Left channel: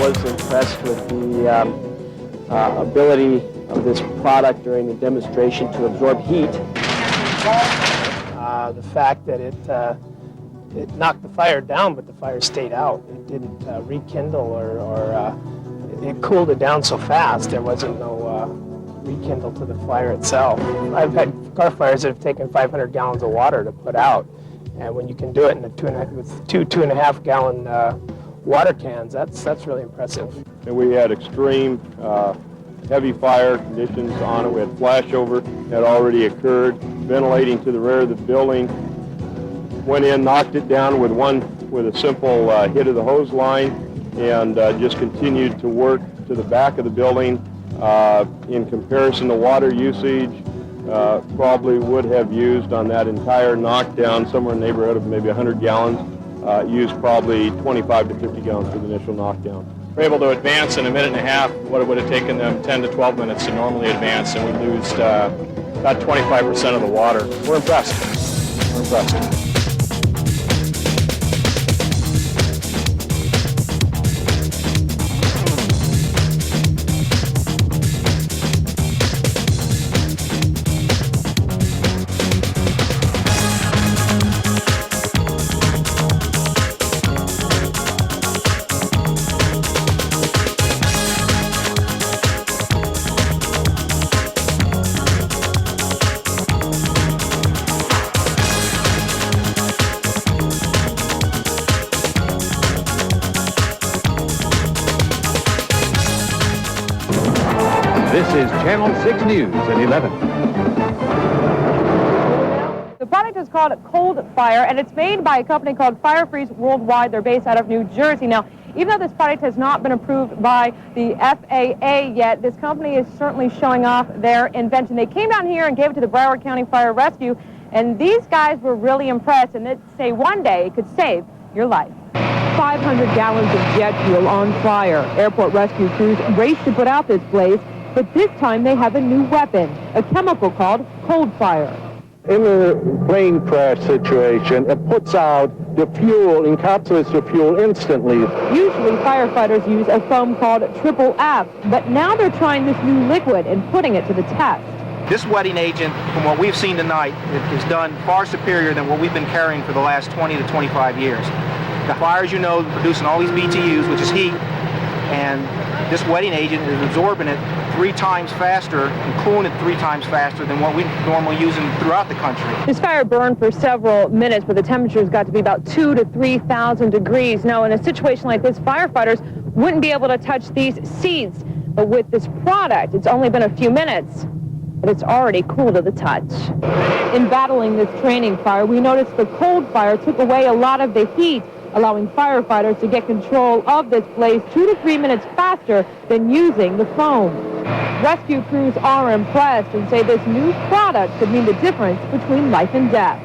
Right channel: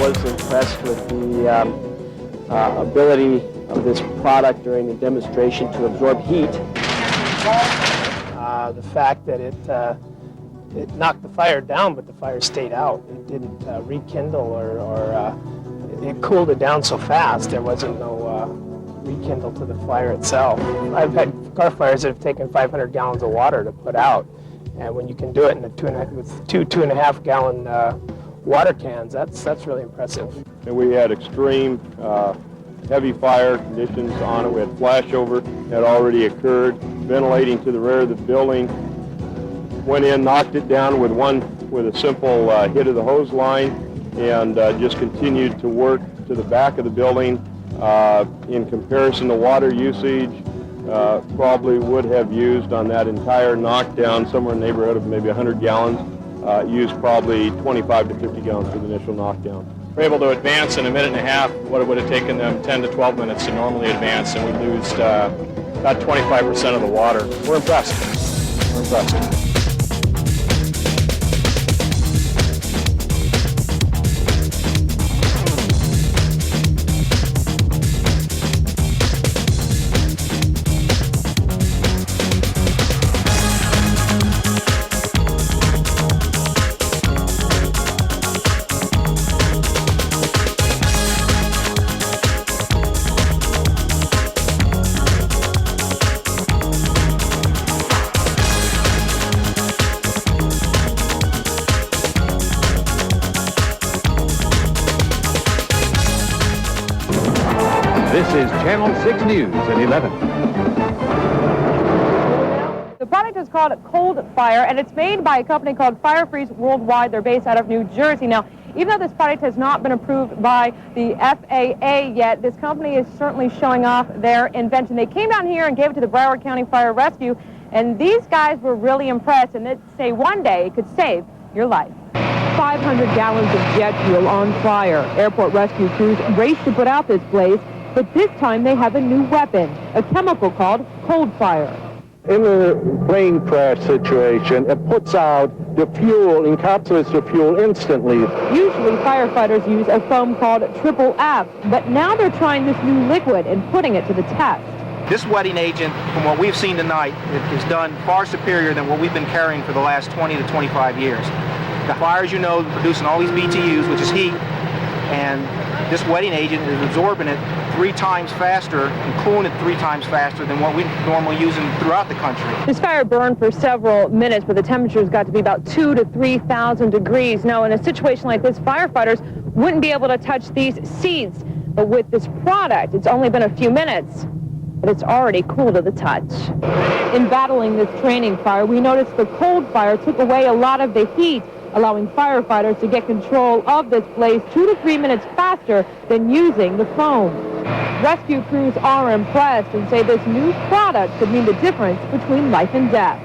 was impressed with the ability of this product during the demonstration to absorb heat. The fact that it knocked the fire down, but the fire stayed out. It didn't rekindle or it cooled it down so fast there wasn't no rekindle to the fire itself. I've had car fires that have taken 500 gallons of water to put out, and when you can do it in with two 2.5 gallon water cans, that's really impressive. And we had extreme heavy fire conditions on it. We had flashover had already occurred, ventilating to the rear of the building. Went in, knocked it down with a simple hit of the hose line, and just continued to work to the back of the building. In comparison to water usage, probably would have used on that entire knockdown somewhere in the neighborhood of maybe 100 gallons. Used probably 25 to 50 gallons for the initial knockdown. We're able to advance in a minute and a half what it would have taken them 10 to 12 minutes to normally advance, and we lose about 25% of the water. We're impressed. We're impressed. This is Channel 6 News at 11. The product is called ColdFire, and it's made by a company called Firefreeze Worldwide. They're based out of New Jersey. Now, even though this product has not been approved by the FAA yet, this company is certainly showing off their invention. They came down here and gave it to the Broward County Fire Rescue, and these guys were really impressed, and they say one day it could save your life. 500 gallons of jet fuel on fire. Airport rescue crews race to put out this blaze, but this time they have a new weapon, a chemical called ColdFire. In a plane crash situation, it puts out the fuel, encapsulates the fuel instantly. Usually firefighters use a foam called Triple F, but now they're trying this new liquid and putting it to the test. This wetting agent, from what we've seen tonight, is done far superior than what we've been carrying for the last 20 to 25 years. The fires, you know, producing all these BTUs, which is heat, and this wetting agent is absorbing it 3 times faster and cooling it 3 times faster than what we normally use throughout the country. This fire burned for several minutes, but the temperatures got to be about 2,000 to 3,000 degrees. Now, in a situation like this, firefighters wouldn't be able to touch these seeds. But with this product, it's only been a few minutes, but it's already cool to the touch. In battling this training fire, we noticed the ColdFire took away a lot of the heat, allowing firefighters to get control of this blaze 2 to 3 minutes faster than using the foam. Rescue crews are impressed and say this new product could mean the difference between life and death.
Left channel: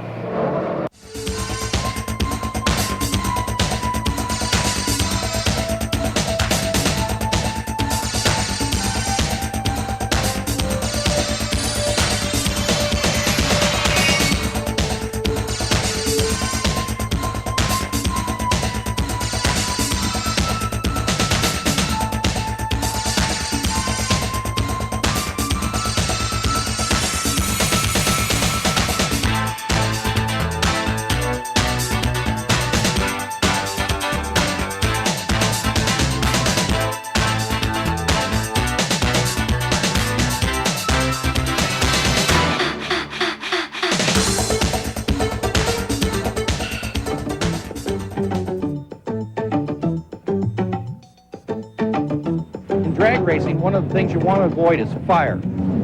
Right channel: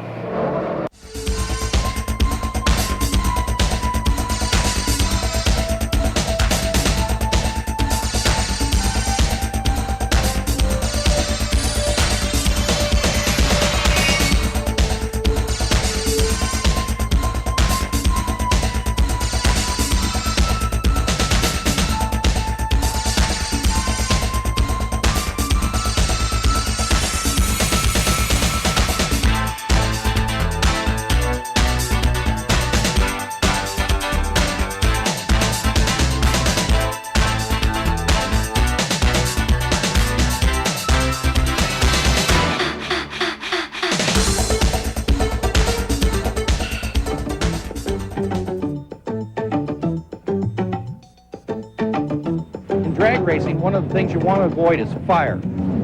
Drag racing, one of the things you want to avoid is fire,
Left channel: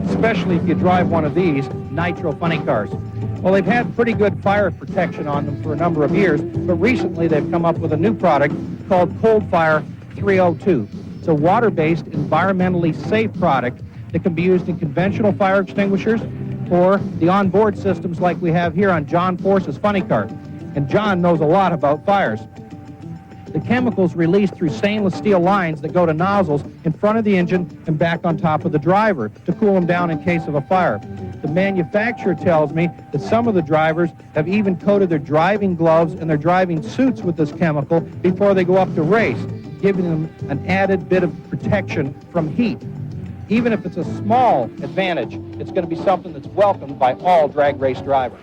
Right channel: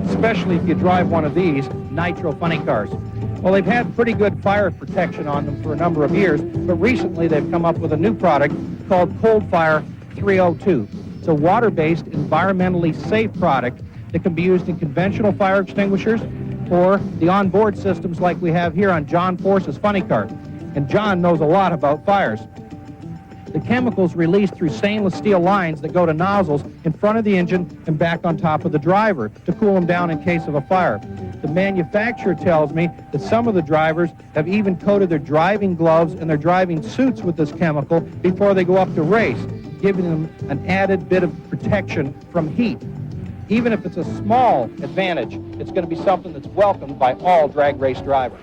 especially if you drive one of these nitro funny cars. Well, they've had pretty good fire protection on them for a number of years, but recently they've come up with a new product called ColdFire 302. It's a water-based, environmentally safe product that can be used in conventional fire extinguishers or the onboard systems like we have here on John Force's funny car. And John knows a lot about fires. The chemicals released through stainless steel lines that go to nozzles in front of the engine and back on top of the driver to cool them down in case of a fire. The manufacturer tells me that some of the drivers have even coated their driving gloves and their driving suits with this chemical before they go up to race. giving them an added bit of protection from heat. Even if it's a small advantage, it's going to be something that's welcomed by all drag race drivers.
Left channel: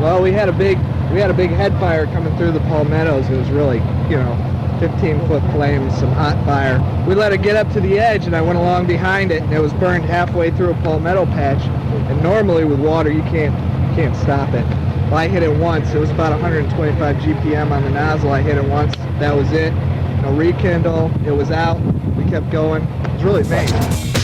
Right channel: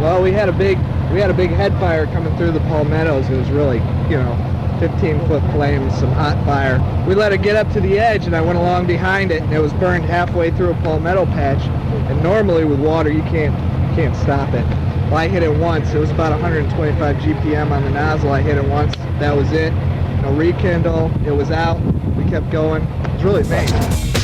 Well, we had a big head fire coming through the palmettos. It was really, 15-foot flames, some hot fire. We let it get up to the edge, and I went along behind it, and it was burned halfway through a palmetto patch. And normally with water, you can't stop it. Well, I hit it once. It was about 125 GPM on the nozzle. I hit it once. That was it. No rekindle. It was out. We kept going. It was really amazing.